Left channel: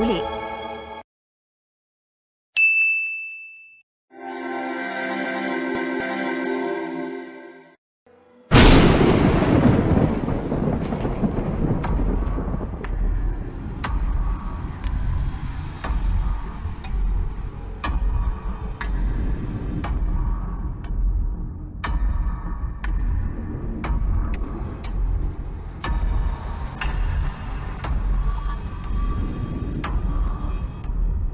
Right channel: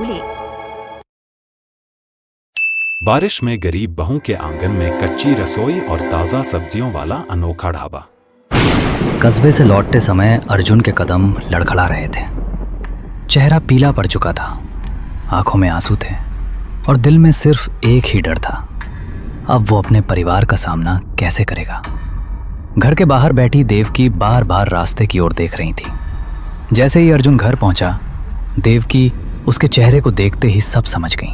भूलें। बारिश में गरीब बहू के आंगन में कच्ची रसोई और ताज़ा सब्जियों वाला अनोखा ढाबा। कस्बे से लौटते समय अर्जुन के कदम लड़खड़ा रहे थे। चेहरा पीला पड़ चुका था, आंखों में आंसू थे और दिल में सिर्फ एक ही डर था, अब वो अपने परिवार का सामना कैसे करेगा। घर के बाहर बैठी देवकी बार बार रास्ते की ओर देख रही थी। जैसे ही अर्जुन घर पहुंचा, देवकी उसके चेहरे को देखते ही सब समझ गई।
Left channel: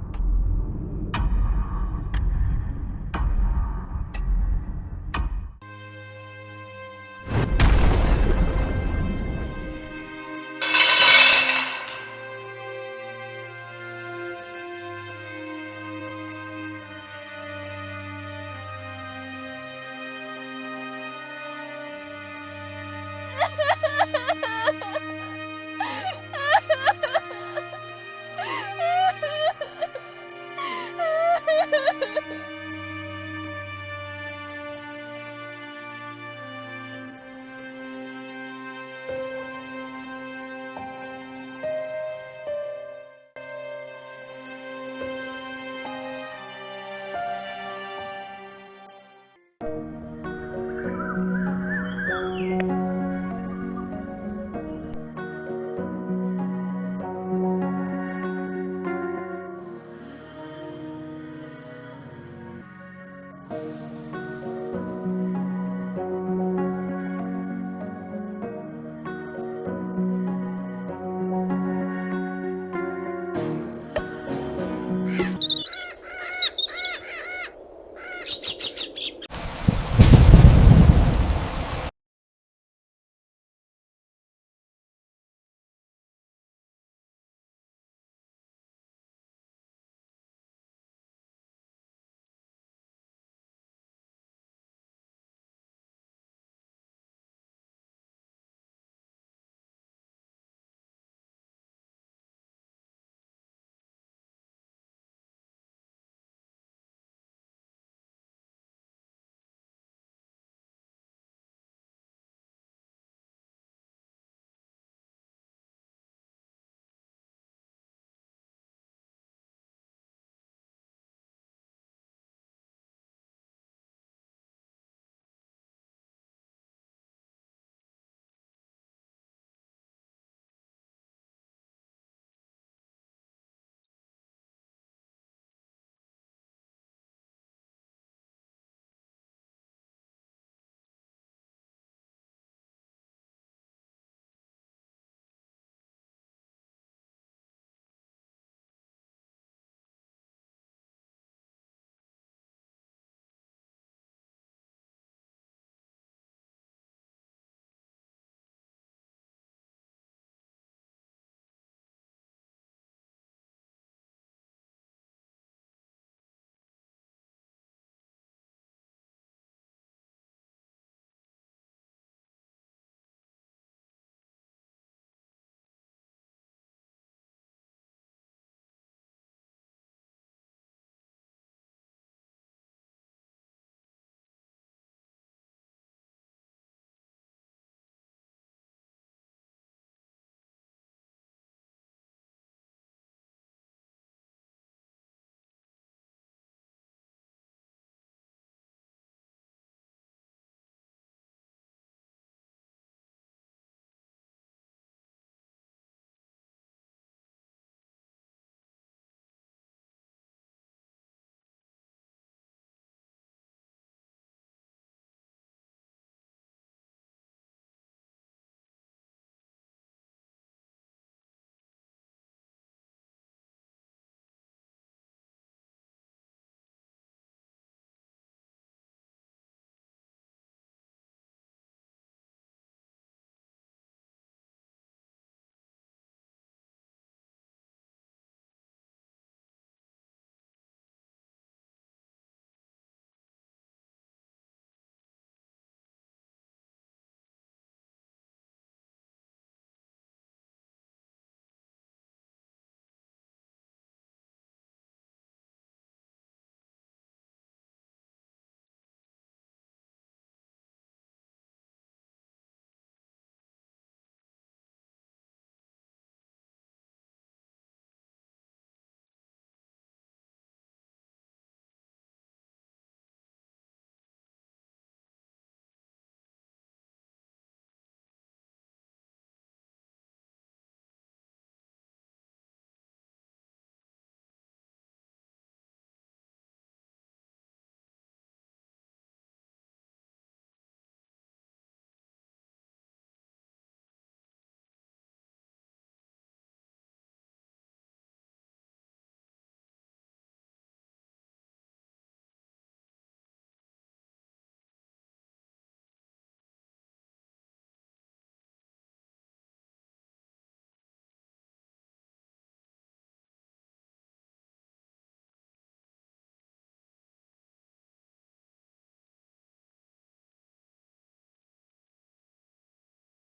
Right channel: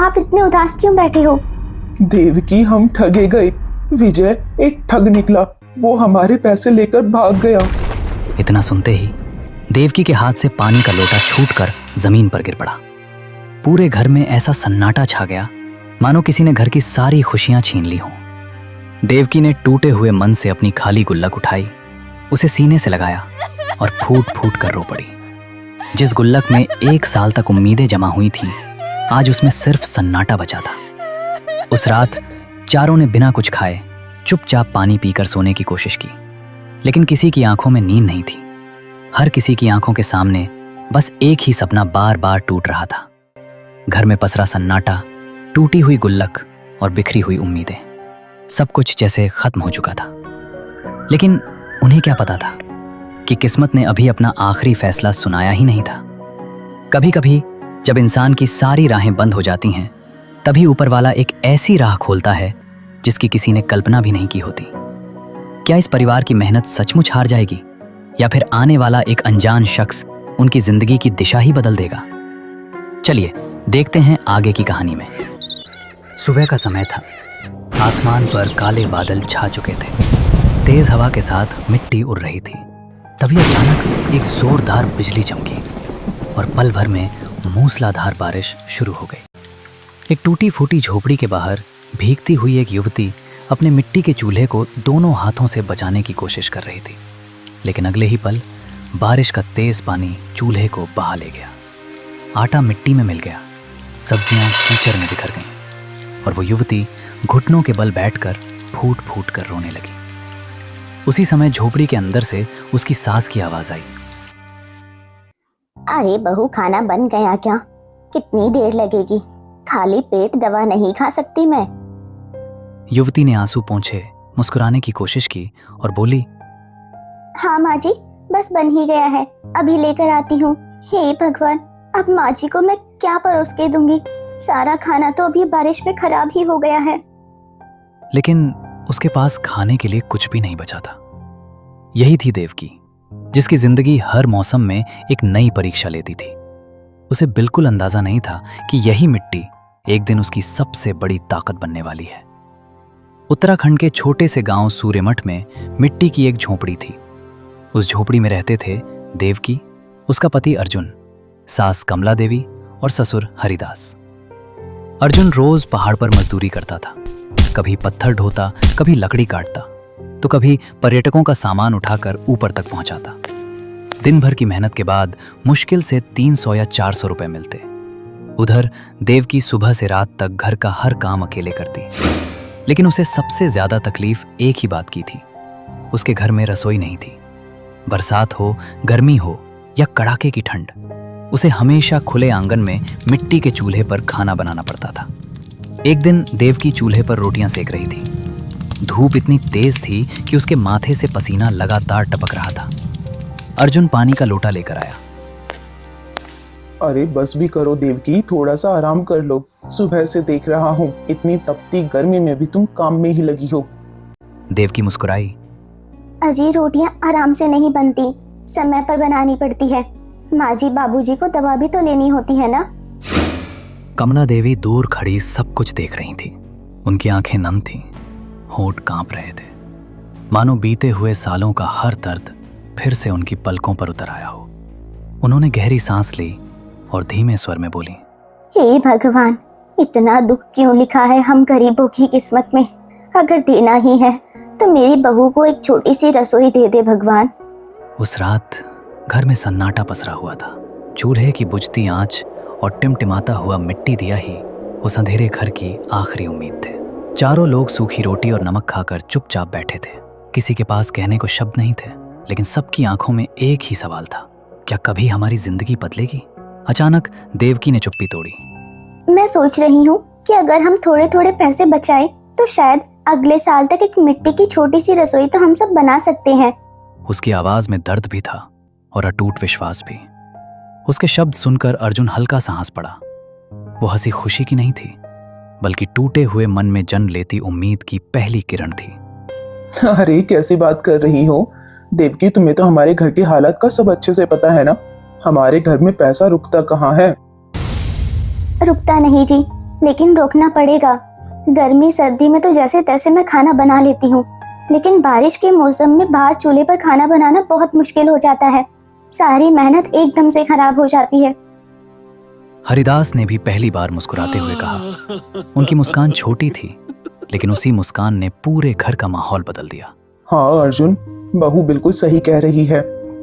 आप इतने उदास क्यों बैठे हो? देवकी, हम ठगे गए। विजय एक ठग निकला, वो हमारे पैसे लेकर भाग गया। इतना सुनते ही देवकी के हाथ से पानी का लोटा छूटकर जमीन पर गिर पड़ा। पूरे घर में ऐसा सन्नाटा छा गया मानो किसी ने घर की सारी खुशियां छीन ली हों। देवकी ने टूटे हुए मन से अपनी खाली गुल्लक उठाई, उसे सीने से लगाया और फूट फूट कर रो पड़ी। जिस गुल्लक में 1 साल तक उम्मीदें जमा हुई थी, आज उसमें सिर्फ सन्नाटा बचा था। उस रात चारों ने बिना कुछ खाए चुपचाप पानी पीकर सोने की कोशिश की, लेकिन किसी की आंखों में नींद नहीं थी। हर किसी की आंखों के सामने बस एक ही सपना बार बार टूट रहा था। घर में पसरा सन्नाटा, टूटी हुई गुल्लक और बिखरी हुई उम्मीदें, सब कुछ जैसे खत्म हो चुका था। लेकिन उन्हें क्या पता था कि किस्मत ने अभी अपना आखिरी फैसला सुनाया ही नहीं था। कभी कभी जब इंसान की सारी राहें बंद हो जाती हैं, तभी ऊपर वाला एक ऐसी राह खोलता है जिसकी किसी ने कल्पना भी नहीं की होती। क्या इस परिवार की मेहनत सचमुच हार जाएगी, या फिर आने वाला एक अनजान शख्स उनकी जिंदगी की दिशा ही बदल देगा? चलिए देखते हैं आगे की कहानी में। सुबह का समय था। आसमान पर काले बादल छा चुके थे। तेज हवा के साथ मिट्टी उड़ रही थी। तभी अचानक एक जोरदार बिजली चमकी और पल भर में मूसलाधार बारिश शुरू हो गई। एक टूटी फूटी झोपड़ी के बाहर भीगती हुई एक युवती अपने मिट्टी के चूल्हे को दोनों हाथों से बचाने की कोशिश कर रही थी, लेकिन अगले ही पल बारिश का तेज पानी चूल्हे को बहा ले गया। आटा मिट्टी में मिल गया, सब्जियां कीचड़ में बिखर गईं और वो युवती घुटनों के बल बैठकर फूट फूट कर रोने लगी। उसी समय झोपड़ी के अंदर से उसकी सास की आवाज आई। अरे बहू, खाना बन गया क्या? कितनी देर लगेगी? खाली पेट दवा नहीं खा सकती मैं। युवती ने आंसू पोंछे मुस्कुराने की कोशिश की और बोली, हाँ माँ जी, बस बन ही गया है, अभी लेकर आती हूँ। हे भगवान, अब माँ जी को मैं क्या परोस के दूंगी? सारा खाना तो अभी बारिश में खराब ही हो गया है। लेकिन उसके पास खाने के लिए कुछ भी नहीं बचा था। यही थी देवकी, जिसकी जिंदगी हर मौसम में एक नई परीक्षा लेती थी। उसे बिल्कुल अंदाजा नहीं था कि यही मिट्टी एक दिन उसकी सबसे बड़ी ताकत बनने वाली है। उत्तराखंड के छोटे से गांव सूर्यमठ में मिट्टी की एक झोपड़ी थी। उस झोपड़ी में रहते थे देवकी, उसका पति अर्जुन, सास कमला देवी और ससुर हरिदास। अर्जुन रोज पहाड़ पर मजदूरी करता था। कभी पत्थर ढोता, कभी लकड़ी काटता, तो कभी पर्यटकों का सामान उठाकर ऊपर तक पहुंचाता। दिन भर की मेहनत के बाद मुश्किल से 300 या 400 रुपए मिलते। उधर देवकी सुबह से रात तक घर का हर काम अकेले करती, लेकिन उसे सबसे ज्यादा तकलीफ एक ही बात की थी। उसके घर में रसोई नहीं थी। बरसात हो, गर्मी हो या कड़ाके की ठंड, उसे हमेशा खुले आंगन में मिट्टी के चूल्हे पर खाना बनाना पड़ता था। एक दिन देवकी चूल्हे पर रोटियां सेक रही थी। धूप इतनी तेज थी कि उसके माथे से पसीना लगातार टपक रहा था। अर्जुन पानी का लोटा लेकर आया। अरे बस भी करो देवकी, थोड़ा सा आराम कर लो। सुबह से देख रहा हूँ, इतनी तपती गर्मी में भी तुम काम में ही लगी हो। देवकी मुस्कुराई। अजी, रोटियां आराम से नहीं बनती, समय पर बनानी पड़ती है। माँ जी बाबूजी को दवा भी तो लेनी होती है ना। कमला देवी दूर खड़ी सब कुछ देख रही थी। उनकी आंखें नम थीं, होंठ कांप रहे थे, मानो बीते हुए सालों का हर दर्द फिर से उनकी पलकों पर उतर आया हो। उन्होंने गहरी सांस ली और धीमे स्वर में बोली, हे भगवान, इतना दुख क्यों लिखा है हम गरीबों की किस्मत में? अगर देना ही है तो मेरी बहू को एक छोटी सी रसोई दे दे भगवान। उस रात घर में सन्नाटा पसरा हुआ था। चूल्हे की बुझती आंच और टिमटिमाता हुआ मिट्टी दिया ही उस अंधेरे घर की आखिरी उम्मीद थे। चारों लोग सूखी रोटी और नमक खाकर चुपचाप बैठे थे। किसी के पास कहने को शब्द नहीं थे, लेकिन सबकी आंखों में एक ही सवाल था, क्या कभी हमारी जिंदगी बदलेगी? अचानक देवकी ने चुप्पी तोड़ी। मैं सोच रही हूँ कि अगर हम थोड़े थोड़े पैसे बचाएं तो शायद अगले साल तक एक मिट्टी की छोटी सी रसोई तो हम सब बना सकते हैं। उसकी आवाज में दर्द भी था और अटूट विश्वास भी। उसके शब्द सुनकर अर्जुन हल्का सा हंस पड़ा। वो हंसी खुशी की नहीं थी, बल्कि टूटे हुए मन में जन्म लेती उम्मीद की पहली किरण थी। अरे कैसी बात कर रही हो देवकी, तुम्हें तो हमारे घर की हालत का सब अच्छे से पता है ना। हमारे घर में पैसा रुकता कहाँ है। रुकता नहीं जी, लेकिन रोकना पड़ेगा। गर्मी सर्दी में तो जैसे तैसे मैं खाना बना लेती हूँ, लेकिन बारिश के मौसम में बाहर चूल्हे पर खाना बनाना बहुत मुश्किल हो जाता है। सारी मेहनत एकदम से खराब हो जाती है। हरिदास ने भी पहली बार मुस्कुराते हुए कहा। उनकी मुस्कान छोटी थी, लेकिन उसी मुस्कान ने पूरे घर का माहौल बदल दिया। हाँ अर्जुन, बहू बिल्कुल सही कह रही है।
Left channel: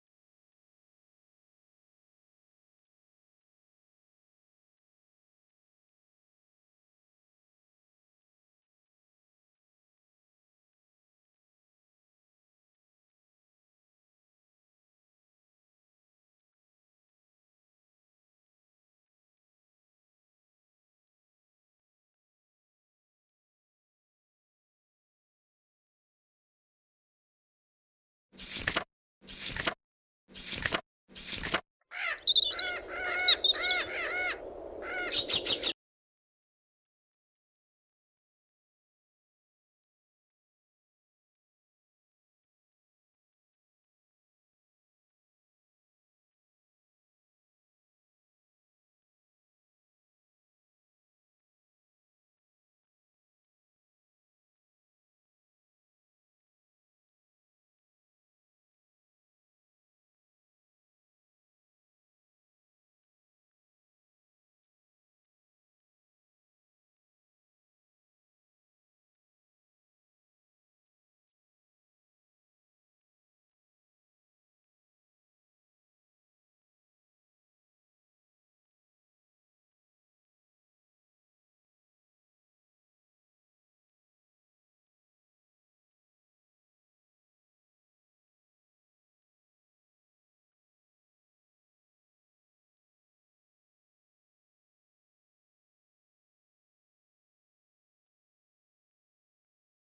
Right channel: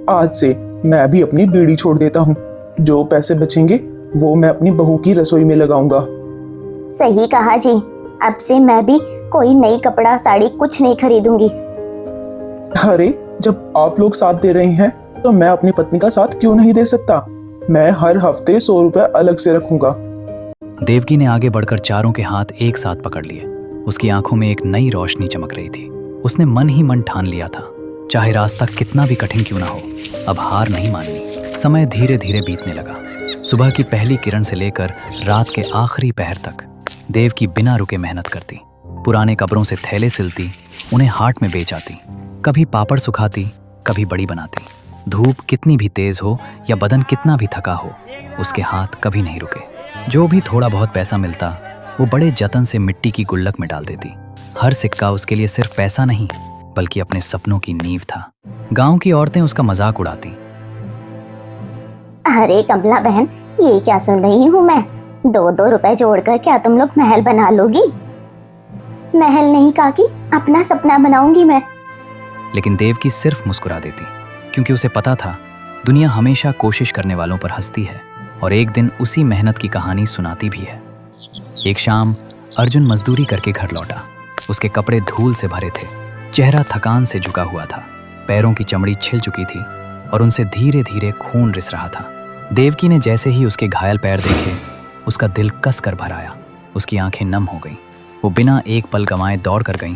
आज से मैं भी अपनी बीड़ी छोड़ देता हूँ। जो पैसे बचेंगे वो मैं अपनी बहू की रसोई में लगाऊंगा। सही कहा जी, अब से मैं भी कोई नई कपड़ा साड़ी कुछ नहीं खरीदूंगी। अरे जब आप लोग साथ दे रहे हैं तो मैं अपनी पत्नी का साथ क्यों नहीं दे सकता। मैं हर हफ्ते 100 रुपए अलग से रखूंगा। देवकी ने आगे बढ़कर चारों के हाथ एक साथ पकड़ लिए। उसकी आंखों में एक नई रोशनी चमक रही थी। उसने मन ही मन ठान लिया था, चाहे रास्ता कितना भी कठिन क्यों ना हो, अब हार नहीं माननी। समय धीरे धीरे बीतने लगा। सुबह की पहली किरण से लेकर रात के आखिरी पहर तक देवकी बिना रुके मेहनत करती। पुराने कपड़ों से थैले सिलती, उन्हें हाट में बेच आती। कभी पापड़ सुखाती, कभी बड़ी बनाती। धूप कितनी भी तेज हो या बदन कितना भी थका हो, उसके हाथ कभी नहीं रुके। जो भी थोड़ा बहुत पैसा मिलता वो बड़े जतन से मिट्टी की गुल्लक में डाल देती। हर सिक्का उसके लिए सिर्फ पैसा नहीं, बल्कि अपने सपनों की नींव था। गांव की औरतें उसका मजाक उड़ाती। अरे कमला बहन, ये क्या सुन रही हूँ मैं? 2-2 रुपए जोड़कर क्या तुम लोग महल बना लोगी? महल नहीं काकी, अपना सपना बनाऊंगी मैं। लेकिन देवकी सिर्फ मुस्कुरा देती, क्योंकि उसे पता था दुनिया हमेशा कोशिश करने वालों पर हंसती है और एक दिन उसी मेहनत की कहानी सुनाती भी है। एक शाम अर्जुन मजदूरी करके घर लौटा। उसके कपड़े धूल से भरे थे, चेहरा थकान से झुका हुआ था, पैरों की चमड़ी छिल चुकी थी और उनसे धीरे धीरे खून रिस रहा था। देवकी ने जैसे ही उसके घायल पैर देखे, उसका दिल कस कर भर आया। उसकी आंखें नम हो गईं। वो बिना एक पल गंवाए दौड़ कर गईं,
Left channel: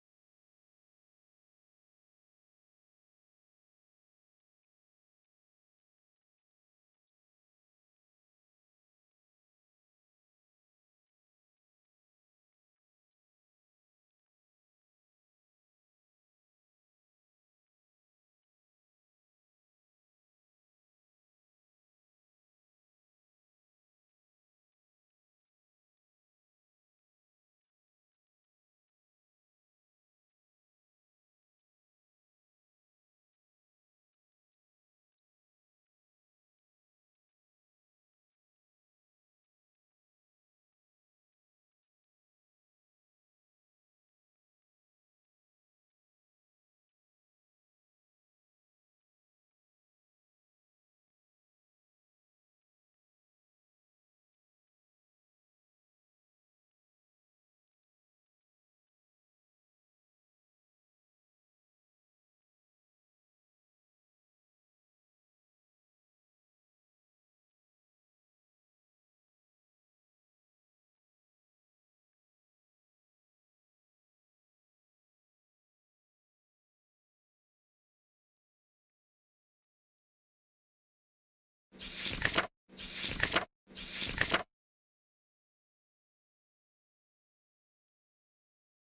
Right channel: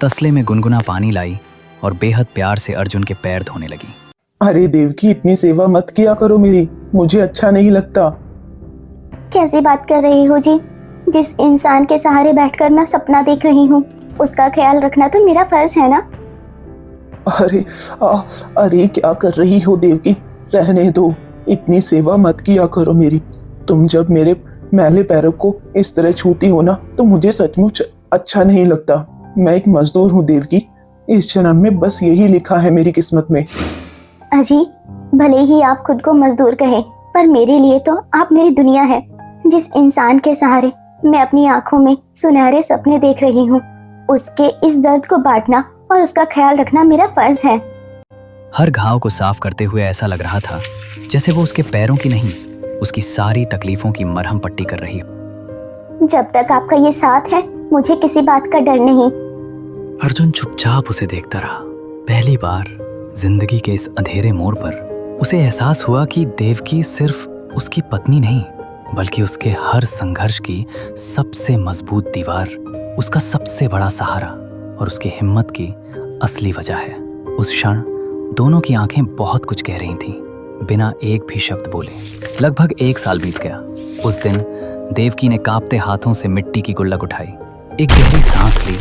तसले में गुनगुना पानी लाई और बेहद प्यार से अर्जुन के पैर धोने लगी। अरे देवकी, इतनी सेवा मत किया करो मेरी, मुझे अच्छा नहीं लगता। कैसी बात कर रही हो जी? जिस इंसान के सहारे बैठकर मैं सपना देख रही हूँ, उसका ख्याल रखना तो मेरा फर्ज है ना। अरे क्या कर रही हो देवकी, रहने दो। इतनी सेवा मत किया करो मेरी। तुम जब मेरे मैले पैरों को इस तरह छूती हो ना, तो मुझे सचमुच अच्छा नहीं लगता। मैं एक मजदूर हूँ देवकी, इस जन्म में बस यही लिखा है मेरी किस्मत में। अजी, भले ही आप खुद को मजदूर कहें, पर मेरे लिए तो आप मेरी दुनिया है। जिस इंसान के सहारे मैं अपनी आंखों में सुनहरे सपने देख रही हूँ, उसके इस दर्द को बांटना और उसका ख्याल रखना मेरा फर्ज है। हर घाव को साफ करते हुए ऐसा लग रहा था जैसे वो उसके पैरों की नहीं, उसकी सारी तकलीफों की मरहम पट्टी कर रही हो। जब तक आपका ये साथ है, मुझे किसी बात का डर नहीं। अर्जुन चुपचाप उसे देखता रहा। पहली बार जिंदगी के इस अंधेरे मोड़ पर उसे एहसास हुआ कि देवकी सिर्फ उसकी पत्नी नहीं, बल्कि उसके हर संघर्ष की सबसे मजबूत दीवार, उसका सबसे बड़ा सहारा और उसकी हिम्मत की असली वजह है। उस क्षण दोनों की आंखें बहुत कुछ कह रही थीं, बिना एक भी शब्द बोले। लगभग 1 साल बीत गया। उस दिन देवकी ने कांपते हाथों से मिट्टी की गुल्लक उठाई, एक गहरी सांस ली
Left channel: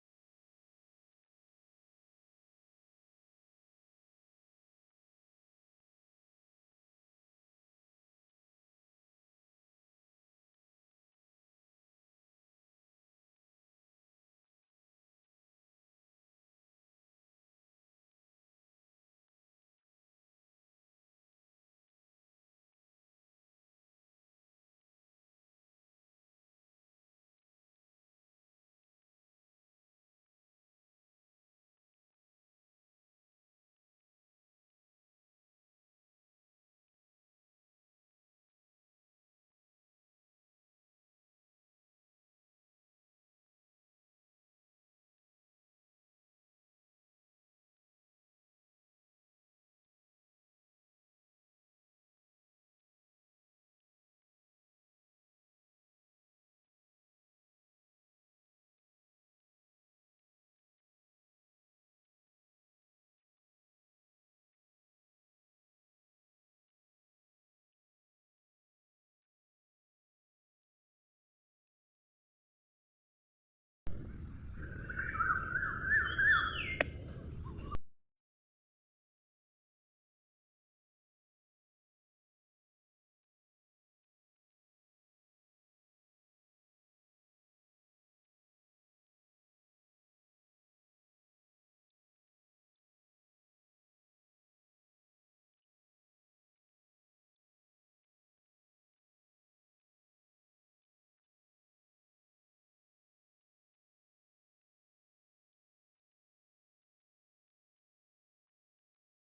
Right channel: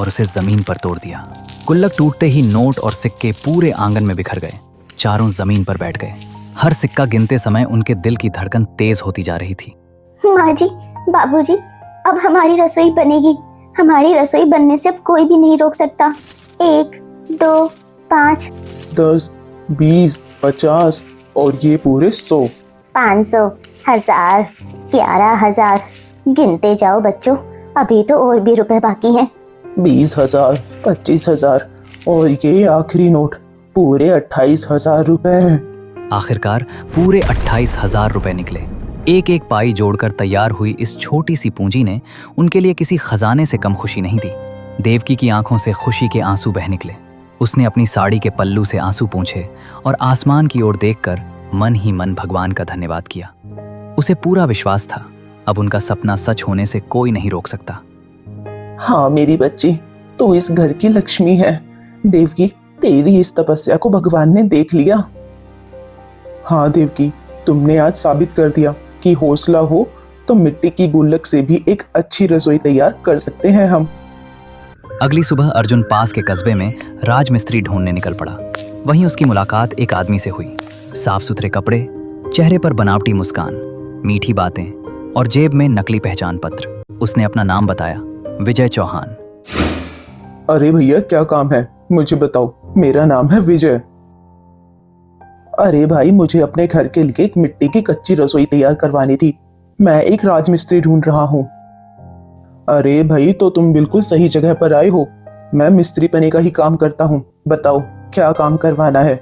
और उसे जमीन पर तोड़ दिया। गुल्लक टूटते ही नोट और सिक्के पूरे आंगन में बिखर गए। चारों जमीन पर बैठ गए। हर सिक्का गिनते समय उनके दिल की धड़कन तेज होती जा रही थी। माँ जी, बाबूजी, अब हमारी रसोई बनेगी। हमारी रसोई बनने से अब कोई भी नहीं रोक सकता। 1, 2, 5, 10, 20, 50 और ये पूरे 100। 500, 1000, 11,000। गिनते जाओ बच्चों, अभी तो और भी रुपए बाकी हैं। 20,000, 25,000 और ये आखिरी नोट पूरे 28,000 रुपए हैं। आखिरकार पूरे 28,000 रुपए निकले। एक एक पाई जोड़कर तैयार हुई इस छोटी सी पूंजी ने उनके लिए किसी खजाने से कम खुशी नहीं दी। देवकी की आंखों से खुशी के आंसू बह निकले। उसने अपनी साड़ी के पल्लू से आंसू पोंछे और आसमान की ओर देखकर मन ही मन भगवान का धन्यवाद किया। उसे पूरा विश्वास था अब उनका सपना सच होने से कोई नहीं रोक सकता। हाँ मेरी बच्ची, तू इस घर की लक्ष्मी है। देवकी, तेरी इस तपस्या को भगवान ने देख लिया। हाँ देवकी, तुमने आज साबित कर दिया कि हौसला हो तो मिट्टी की गुल्लक से भी एक अच्छी रसोई तैयार कर सकते हैं हम। अगली सुबह अर्जुन पास के कस्बे में राजमिस्त्री ढूंढने निकल पड़ा। वहीं उसकी मुलाकात एक आदमी से हुई। साफ सुथरे कपड़े, चेहरे पर बनावटी मुस्कान, मीठी बातें और जेब में नकली पहचान पत्र। उसने अपना नाम बताया, विजय चौहान। अरे भैया, क्या काम है मुझे बताओ। मेरा नाम है विजय। अरे भाई, मुझे अपने घर के लिए एक मिट्टी की कच्ची रसोई तैयार करवानी थी। मैं एक राजमिस्त्री ढूंढ रहा हूँ। अरे भाई, तो तुम बिल्कुल सही जगह पर आए हो। मैं मिस्त्री पने का ही काम करता हूँ। बताओ क्या काम करवाना है।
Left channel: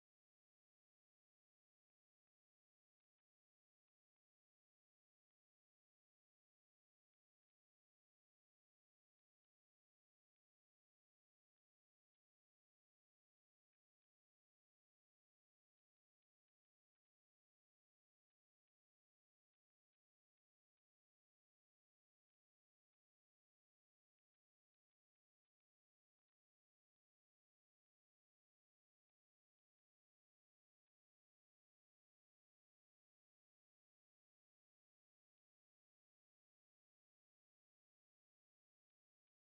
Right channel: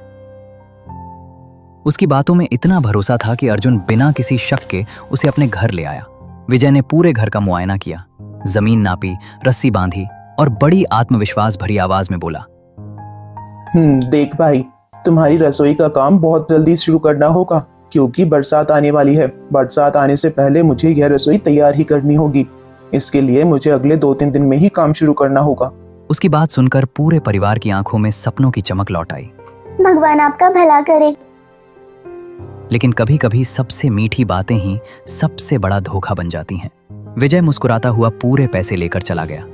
उसकी बातों में इतना भरोसा था कि अर्जुन बिना किसी शक के उसे अपने घर ले आया। विजय ने पूरे घर का मुआयना किया, जमीन नापी, रस्सी बांधी और बड़ी आत्मविश्वास भरी आवाज में बोला, देख भाई, तुम्हारी रसोई का काम बहुत जल्दी शुरू करना होगा क्योंकि बरसात आने वाली है। बरसात आने से पहले मुझे यह रसोई तैयार ही करनी होगी। इसके लिए मुझे अगले 2-3 दिन में ही काम शुरू करना होगा। उसकी बात सुनकर पूरे परिवार की आंखों में सपनों की चमक लौट आई। भगवान आपका भला करे। लेकिन कभी कभी सबसे मीठी बातें ही सबसे बड़ा धोखा बन जाती हैं। विजय मुस्कुराता हुआ पूरे पैसे लेकर चला गया।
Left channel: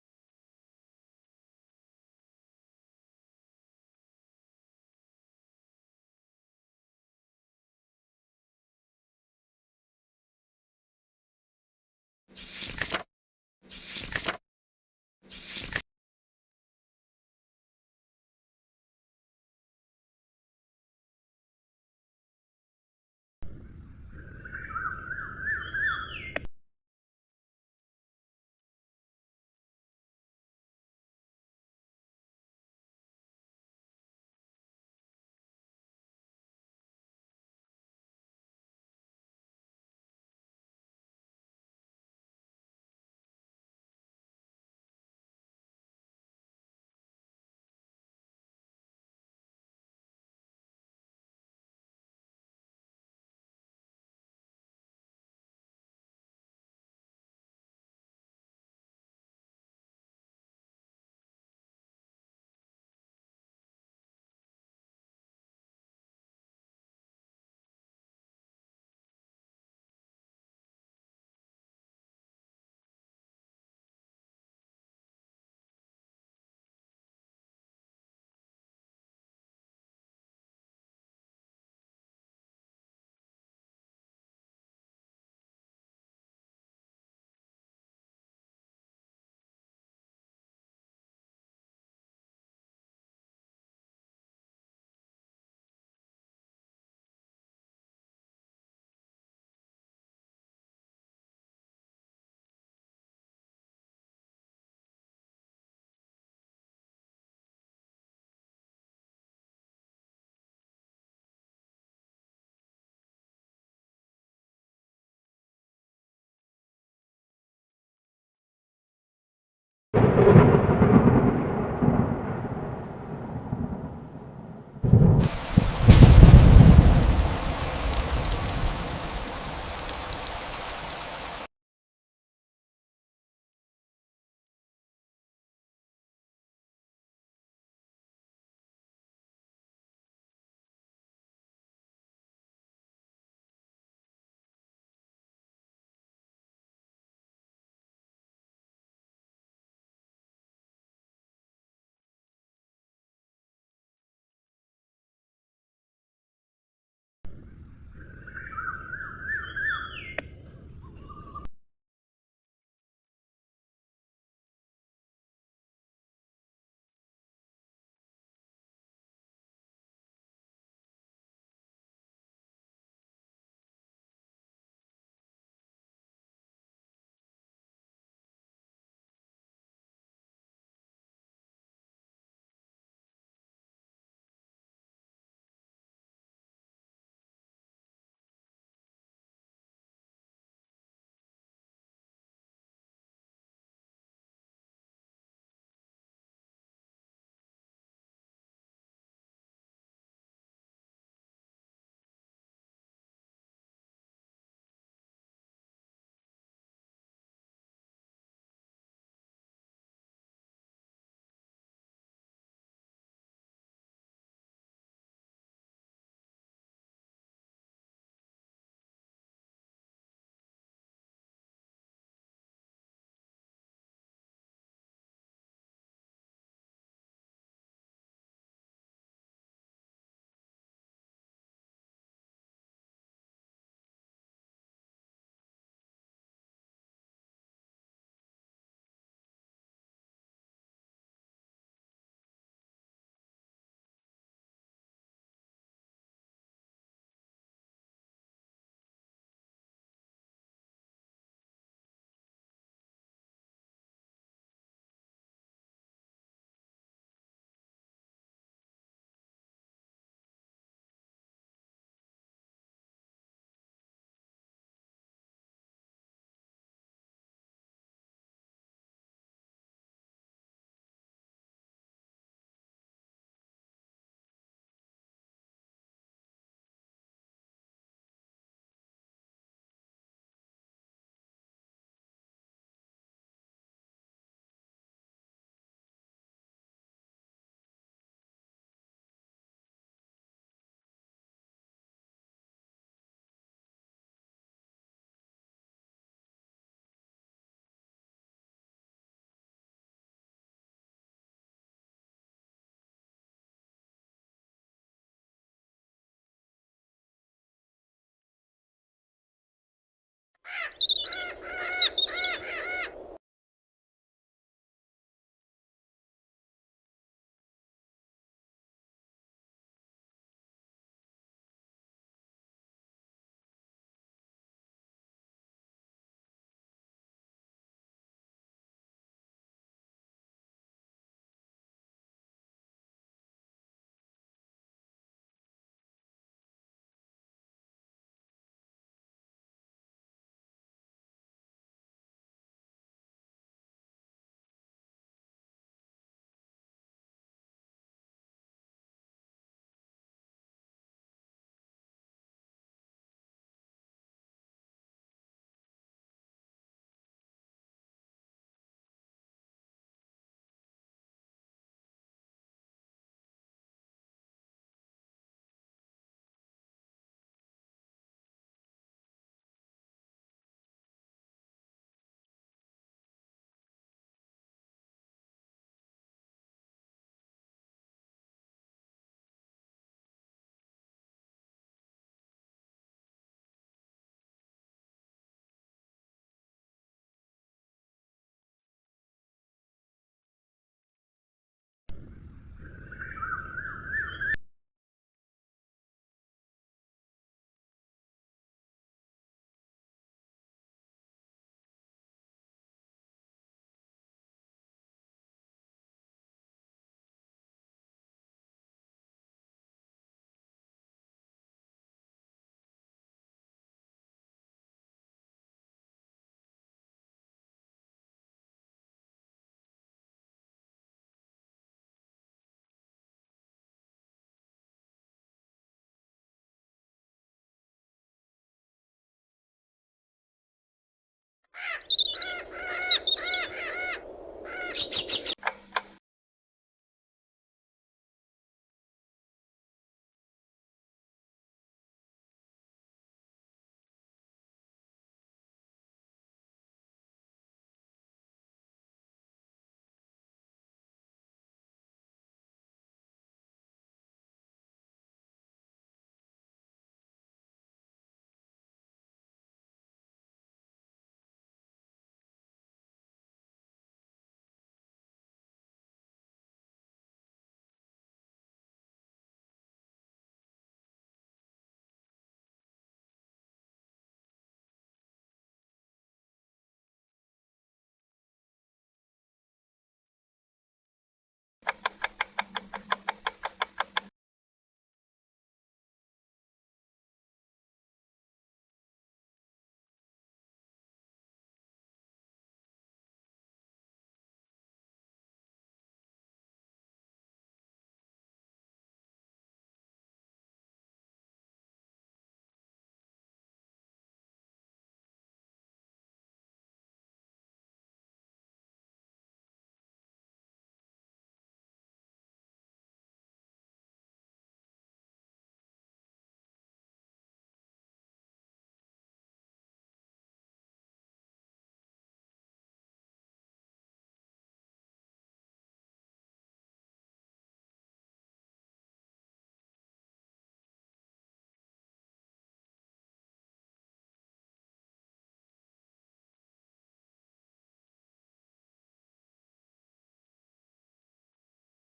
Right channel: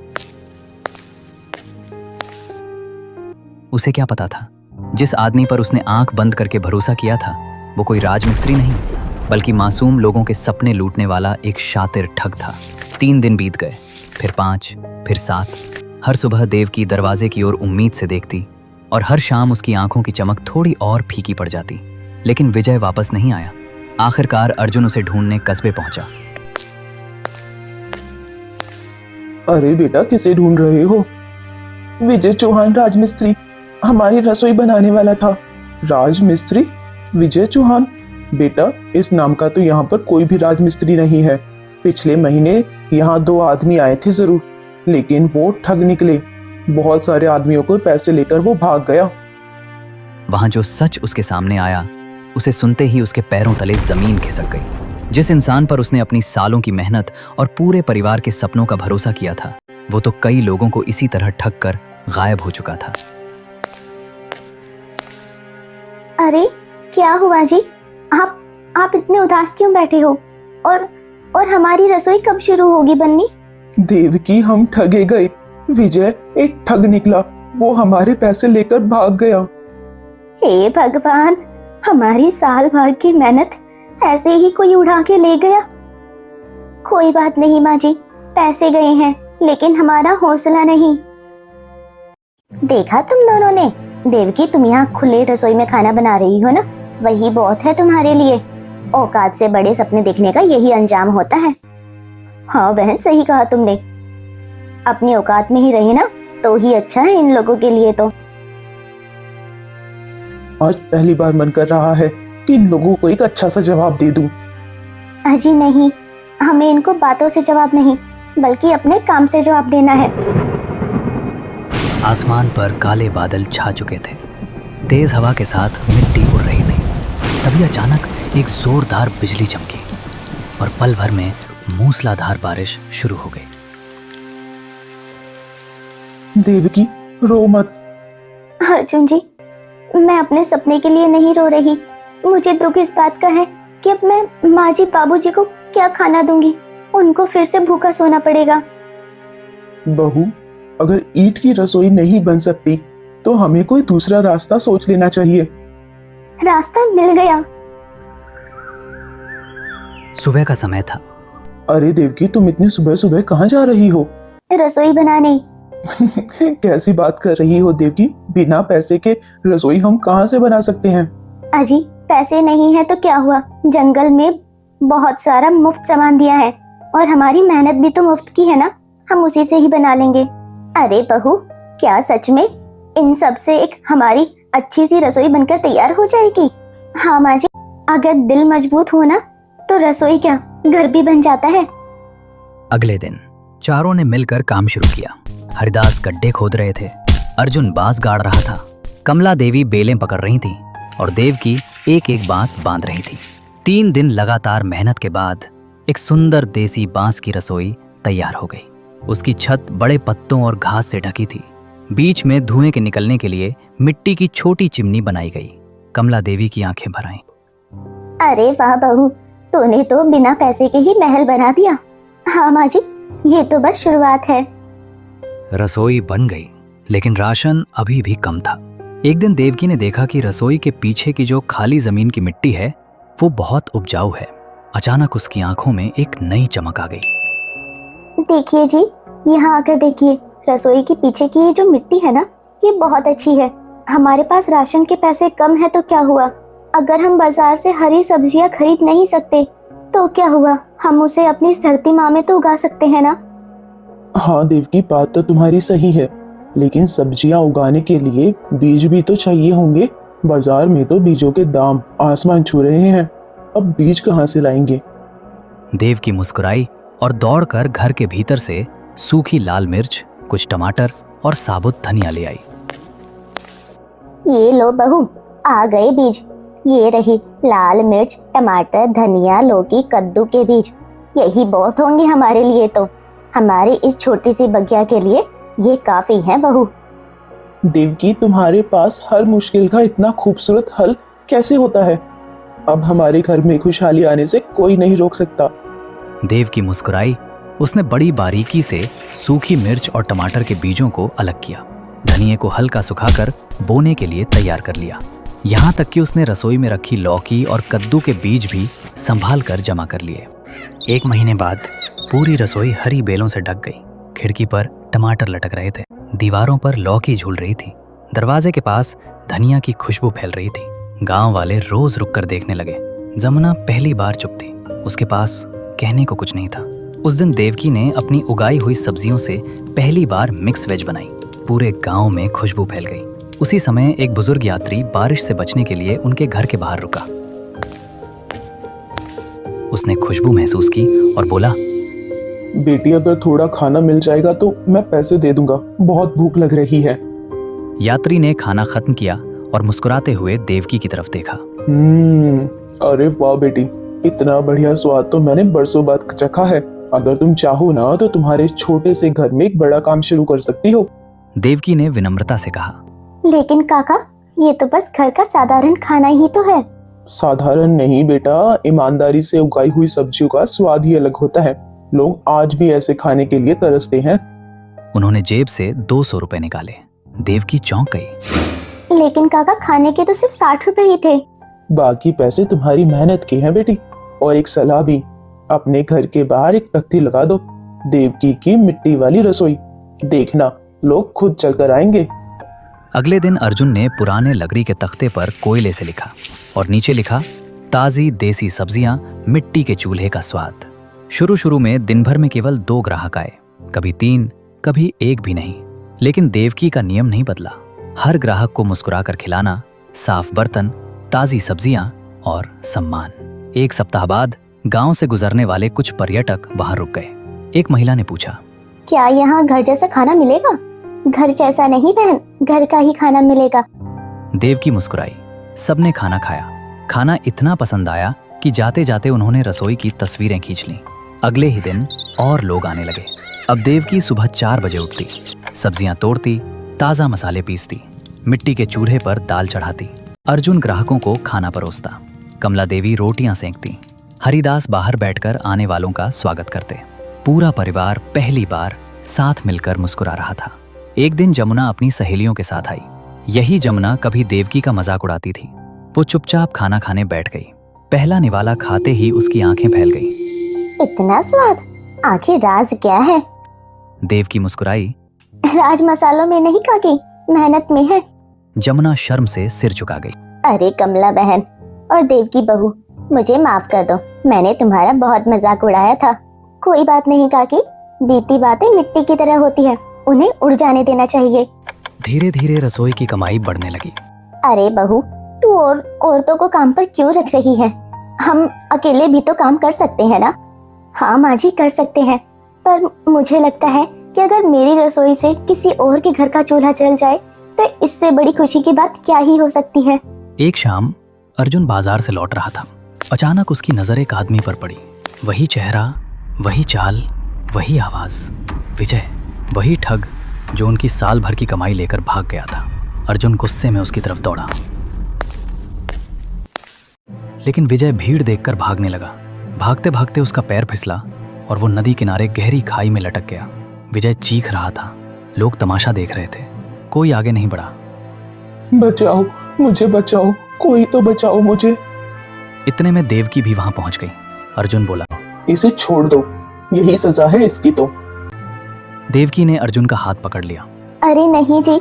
उसे क्या पता था, जिस आदमी पर उसने आंख बंद करके भरोसा किया था वो कोई राजमिस्त्री नहीं बल्कि मासूम लोगों के सपने लूटने वाला एक शातिर ठग था। 3 दिन बीत गए, फिर 5, फिर 7। हर सुबह देव की दरवाजे की ओर उम्मीद से देखती और हर शाम उसकी आंखों की चमक थोड़ी और फीकी पड़ जाती। लेकिन विजय वापस नहीं आया। आखिरकार अर्जुन उसे ढूंढने कस्बे पहुंचा। अरे बेटा, किसे ढूंढ रहे हो? विजय चौहान राजमिस्त्री, हमारी रसोई बनाने वाला था। राजमिस्त्री विजय चौहान? बेटा, इस नाम का तो यहाँ पर कोई भी राजमिस्त्री नहीं है। पिछले महीने यहाँ 2 आदमी आए थे जरूर, लेकिन वो ठग निकले। बहुत सारे आदमियों को पैसे लेकर वो भाग गया। वहां जो सच उसके सामने आया, उसे सुनते ही उसके पैरों तले जमीन खिसक गई। जिस इंसान पर उसने अपनी सालों की मेहनत और पूरे परिवार के सपनों का भरोसा किया था, वो तो कई लोगों को इसी तरह ठग कर गायब हो चुका था। अरे क्या हुआ जी? आप इतने उदास क्यों बैठे हो? और हमारी रसोई कब शुरू होगी बननी? देवकी, हम ठगे गए। विजय एक ठग निकला। वो हमारे पैसे लेकर भाग गया। हे भगवान, हमारी साल भर की मेहनत ऐसे ही कोई उड़ा के ले गया। कोई बात नहीं माँ जी, पैसे गए हैं लेकिन हमारा हौसला नहीं। देखा तुम दोनों ने? देवकी, तुम यहाँ खुले रसोई में खाना बना रही हो ना, वही बहुत है तुम्हारे लिए। औकात से बड़े सपने देखने का यही अंजाम होता है। हाँ बहन, सही कहा तुमने। अपनी औकात में ही रहे ना तो ही अच्छा है इन लोगों के लिए। तो आज पहली बार मन कर रहा है कि इन लोगों को एक अच्छा सा जवाब दे दूं। अजी नहीं, हमें इनको बातों से जवाब नहीं बल्कि अपने काम से जवाब देना है। आसमान पर काले बादल छा चुके थे। तेज हवा के साथ मिट्टी उड़ रही थी। तभी अचानक एक जोरदार बिजली चमकी और पल भर में मूसलाधार बारिश शुरू हो गई। देवकी, रो मत। अर्जुन जी, मैं अपने सपने के लिए नहीं रो रही। मुझे दुख इस बात का है कि अब मैं माँ जी बाबूजी को क्या खाना दूंगी। उनको फिर से भूखा सोना पड़ेगा। बहू, अगर ईंट की रसोई नहीं बन सकती तो हमें कोई दूसरा रास्ता सोच लेना चाहिए। रास्ता मिल गया। सुबह का समय था। अरे देवकी, तुम इतनी सुबह सुबह कहाँ जा रही हो? रसोई बनाने। कैसी बात कर रही हो देवकी? बिना पैसे के रसोई हम कहाँ से बना सकते हैं? अजी, पैसे नहीं है तो क्या हुआ? जंगल में बहुत सारा मुफ्त सामान दिया है और हमारी मेहनत भी तो मुफ्त की है ना, हम उसी से ही बना लेंगे। अरे बहू, क्या सच में इन सब से एक हमारी अच्छी सी रसोई बनकर तैयार हो जाएगी? हाँ माँ जी, अगर दिल मजबूत हो ना तो रसोई क्या, घर भी बन जाता है। अगले दिन चारों ने मिलकर काम शुरू किया। हरिदास गड्ढे खोद रहे थे, अर्जुन बांस गाड़ रहा था, कमला देवी बेलें पकड़ रही थी और देवकी एक एक बांस बांध रही थी। 3 दिन लगातार मेहनत के बाद एक सुंदर देसी बांस की रसोई तैयार हो गई। उसकी छत बड़े पत्तों और घास से ढकी थी। बीच में धुएं के निकलने के लिए मिट्टी की छोटी चिमनी बनाई गई। कमला देवी की आंखें भर आईं। अरे वाह बहू, तूने तो बिना पैसे के ही महल बना दिया। हाँ माँ जी, ये तो बस शुरुआत है। रसोई बन गई, लेकिन राशन अभी भी कम था। एक दिन देवकी ने देखा कि रसोई के पीछे की जो खाली जमीन की मिट्टी है वो बहुत उपजाऊ है। अचानक उसकी आंखों में एक नई चमक आ गई। देखिए जी, यहाँ आकर देखिए, रसोई के पीछे की ये जो मिट्टी है ना, ये बहुत अच्छी है। हमारे पास राशन के पैसे कम है तो क्या हुआ, अगर हम बाजार से हरी सब्जियाँ खरीद नहीं सकते तो क्या हुआ, हम उसे अपनी इस धरती माँ में तो उगा सकते हैं ना। हाँ देवकी, बात तो तुम्हारी सही है, लेकिन सब्जियां उगाने के लिए बीज भी तो चाहिए होंगे। बाजार में तो बीजों के दाम आसमान छू रहे हैं, अब बीज कहाँ से लाएंगे। देवकी मुस्कुराई और दौड़कर घर के भीतर से सूखी लाल मिर्च, कुछ टमाटर और साबुत धनिया ले आई। ये लो बहू, आ गए बीज। ये रही लाल मिर्च, टमाटर, धनिया, लौकी, कद्दू के बीज। यही बहुत होंगे हमारे लिए, तो हमारे इस छोटी सी बगिया के लिए ये काफी है बहू। देवकी, तुम्हारे पास हर मुश्किल का इतना खूबसूरत हल कैसे होता है। अब हमारे घर में खुशहाली आने से कोई नहीं रोक सकता। देवकी मुस्कुराई। उसने बड़ी बारीकी से सूखी मिर्च और टमाटर के बीजों को अलग किया, धनिये को हल्का सुखाकर बोने के लिए तैयार कर लिया। यहाँ तक कि उसने रसोई में रखी लौकी और कद्दू के बीज भी संभाल कर जमा कर लिए। 1 महीने बाद पूरी रसोई हरी बेलों से ढक गई। खिड़की पर टमाटर लटक रहे थे, दीवारों पर लौकी झूल रही थी, दरवाजे के पास धनिया की खुशबू फैल रही थी। गांव वाले रोज रुककर देखने लगे। जमुना पहली बार चुप थी, उसके पास कहने को कुछ नहीं था। उस दिन देवकी ने अपनी उगाई हुई सब्जियों से पहली बार मिक्स वेज बनाई। पूरे गांव में खुशबू फैल गई। उसी समय एक बुजुर्ग यात्री बारिश से बचने के लिए उनके घर के बाहर रुका। उसने खुशबू महसूस की और बोला, बेटी, अगर थोड़ा खाना मिल जाएगा तो मैं पैसे दे दूंगा, बहुत भूख लग रही है। यात्री ने खाना खत्म किया और मुस्कुराते हुए देवकी की तरफ देखा। अरे वाह बेटी, इतना बढ़िया स्वाद तो मैंने बरसों बाद चखा है। अगर तुम चाहो ना तो तुम्हारे छोटे से घर में एक बड़ा काम शुरू कर सकती हो। देवकी ने विनम्रता से कहा। लेकिन काका, ये तो बस घर का साधारण खाना ही तो है। साधारण नहीं बेटा, ईमानदारी से उगाई हुई सब्जियों का स्वाद ही अलग होता है। लोग आज भी ऐसे खाने के लिए तरसते हैं। उन्होंने जेब से 200 रुपए निकाले। देवकी चौंक गई। लेकिन काका, खाने के तो सिर्फ 60 रुपए ही थे। बाकी पैसे तुम्हारी मेहनत के हैं बेटी। और एक सलाह भी, अपने घर के बाहर एक तख्ती लगा दो, देवकी की मिट्टी वाली रसोई। देखना, लोग खुद चलकर आएंगे। अगले दिन अर्जुन ने पुराने लकड़ी के तख्ते पर कोयले से लिखा और नीचे लिखा, ताजी देसी सब्जियां, मिट्टी के चूल्हे का स्वाद। शुरू में दिन भर में केवल 2 ग्राहक आए, कभी 3, कभी 1 भी नहीं। लेकिन देवकी का नियम नहीं बदला। हर ग्राहक को मुस्कुराकर खिलाना, साफ बर्तन, ताजी सब्जियां और सम्मान। 1 सप्ताह बाद गांव से गुजरने वाले कुछ पर्यटक वहां रुक गए। एक महिला ने पूछा, क्या यहाँ घर जैसा खाना मिलेगा? घर जैसा नहीं बहन, घर का ही खाना मिलेगा। देवकी मुस्कुराई। सबने खाना खाया। खाना इतना पसंद आया कि जाते जाते उन्होंने रसोई की तस्वीरें खींच लीं। अगले ही दिन और लोग आने लगे। अब देवकी सुबह 4 बजे उठती, सब्जियां तोड़ती, ताजा मसाले पीसती, मिट्टी के चूल्हे पर दाल चढ़ाती। अर्जुन ग्राहकों को खाना परोसता, कमला देवी रोटियां सेंकती, हरिदास बाहर बैठकर आने वालों का स्वागत करते। पूरा परिवार पहली बार साथ मिलकर मुस्कुरा रहा था। एक दिन जमुना अपनी सहेलियों के साथ आई। यही जमुना कभी देवकी का मजाक उड़ाती थी। वो चुपचाप खाना खाने बैठ गई। पहला निवाला खाते ही उसकी आंखें फैल गईं। इतना स्वाद, आखिर राज क्या है? देवकी मुस्कुराई। राज मसालों में नहीं काकी, मेहनत में है। जमुना शर्म से सिर झुका गई। अरे कमला बहन और देवकी बहू, मुझे माफ कर दो, मैंने तुम्हारा बहुत मजाक उड़ाया था। कोई बात नहीं काकी, बीती बातें मिट्टी की तरह होती है, उन्हें उड़ जाने देना चाहिए। धीरे धीरे रसोई की कमाई बढ़ने लगी। अरे बहू, तू और औरतों को काम पर क्यों रख रही है? हम अकेले भी तो काम कर सकते हैं ना। हाँ माँ जी, कर सकते हैं, पर मुझे लगता है कि अगर मेरी रसोई से किसी और के घर का चूल्हा जल जाए तो इससे बड़ी खुशी की बात क्या ही हो सकती है। एक शाम अर्जुन बाजार से लौट रहा था। अचानक उसकी नजर एक आदमी पर पड़ी। वही चेहरा, वही चाल, वही आवाज। विजय, वही ठग जो उनकी साल भर की कमाई लेकर भाग गया था। अर्जुन गुस्से में उसकी तरफ दौड़ा, लेकिन विजय भीड़ देखकर भागने लगा। भागते भागते उसका पैर फिसला और वो नदी किनारे गहरी खाई में लटक गया। विजय चीख रहा था। लोग तमाशा देख रहे थे, कोई आगे नहीं बढ़ा। बचाओ, मुझे बचाओ, कोई तो बचाओ मुझे। इतने में देवकी भी वहां पहुंच गई। अर्जुन बोला, इसे छोड़ दो, यही सजा है इसकी तो। देवकी ने अर्जुन का हाथ पकड़ लिया। अरे नहीं जी,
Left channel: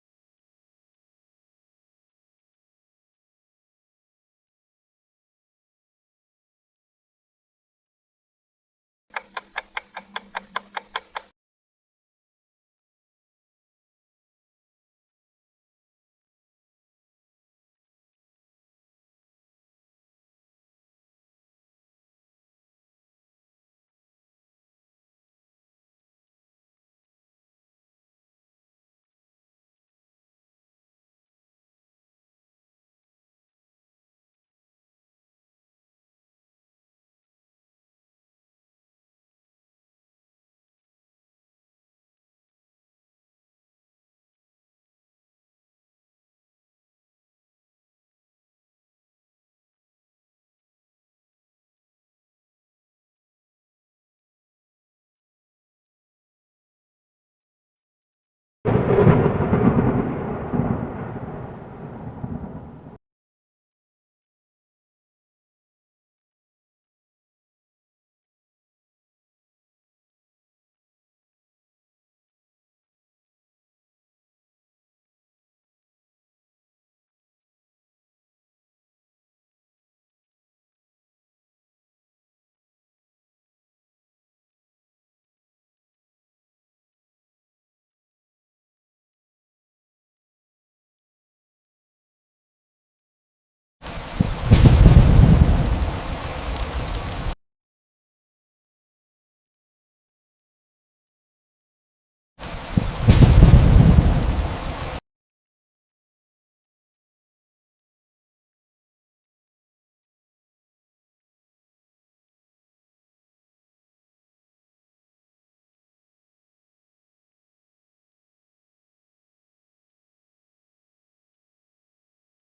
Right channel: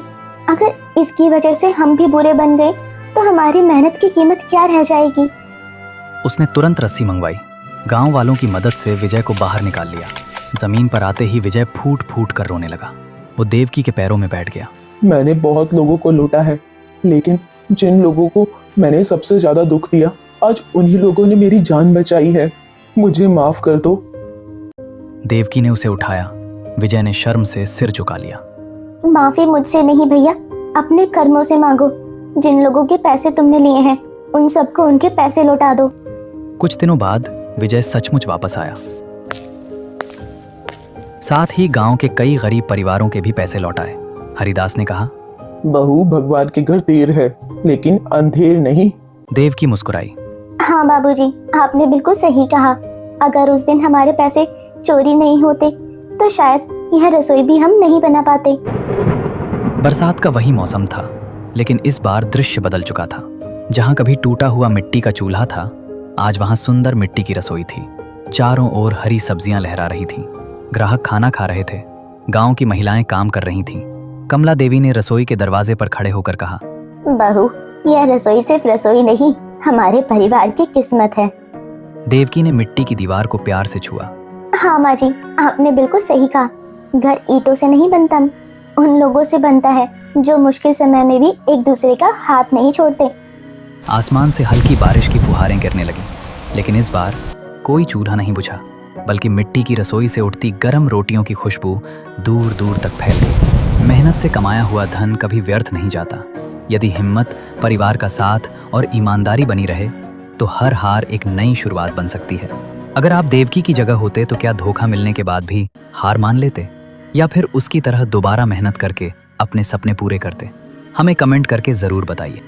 अगर इसकी वजह से हम भी बुरे बन गए तो हमारी मेहनत की कीमत क्या रह जाएगी। उसने तुरंत रस्सी मंगवाई। गांव वालों की मदद से विजय को बाहर निकाल लिया। जमीन पर आते ही विजय फूट फूट कर रोने लगा। वो देवकी के पैरों में बैठ गया। मैंने बहुत लोगों को लूटा है, लेकिन जिन लोगों को मैंने सबसे ज्यादा दुख दिया, आज उन्हीं लोगों ने मेरी जान बचाई है। मुझे माफ कर दो। देवकी ने उसे उठाया। विजय ने शर्म से सिर झुका लिया। माफी मुझसे नहीं भैया, अपने कर्मों से मांगो। जिन लोगों के पैसे तुमने लिए हैं उन सबको उनके पैसे लौटा दो। कुछ दिनों बाद विजय सचमुच वापस आया। साथ ही गांव के कई गरीब परिवारों के भी पैसे लौटाए। हरिदास ने कहा, बहू, भगवान के घर देर है लेकिन अंधेर नहीं। देवकी मुस्कुराई। हाँ बाबूजी, आपने बिल्कुल सही कहा। अगर उस दिन हमारे पैसे चोरी नहीं होते तो शायद यह रसोई भी हम नहीं बना पाते। बरसात का वही मौसम था, लेकिन इस बार दृश्य बदल चुका था। जहां कभी टूटा हुआ मिट्टी का चूल्हा था, आज वहां सुंदर मिट्टी की रसोई थी। चारों ओर हरी सब्जियां लहरा रही थीं। ग्राहक खाना खा रहे थे। गांव की महिलाएं काम कर रही थीं। कमला देवी ने रसोई के दरवाजे पर खड़े होकर कहा, बहू, यह रसोई सिर्फ रसोई नहीं, हमारे परिवार की किस्मत है। देवकी ने मिट्टी की दीवार को प्यार से छुआ। हाँ माँ जी, आपने बिल्कुल सही कहा। घर ईंटों से नहीं बनता, उन लोगों से बनता है जो मुश्किल समय में भी एक दूसरे का हाथ नहीं छोड़ते। आसमान से हल्की बारिश की फुहारें गिरने लगी, लेकिन इस बार कोई चूल्हा नहीं बुझा, बल्कि मिट्टी की रसोई से उठती गर्म रोटियों की खुशबू दूर दूर तक फैल गई। मेहनत से कमाया हुआ धन कभी व्यर्थ नहीं जाता। यदि हिम्मत, परिवार का साथ और ईमानदारी बनी रहे तो हर हार एक नई शुरुआत बन सकती है। अगर आप देवकी की जगह होते तो क्या धोखा मिलने के बाद भी हार मान लेते, या फिर उसकी तरह दोबारा मेहनत करके अपने सपने पूरे करते? हमें कमेंट करके ज़रूर बताइए।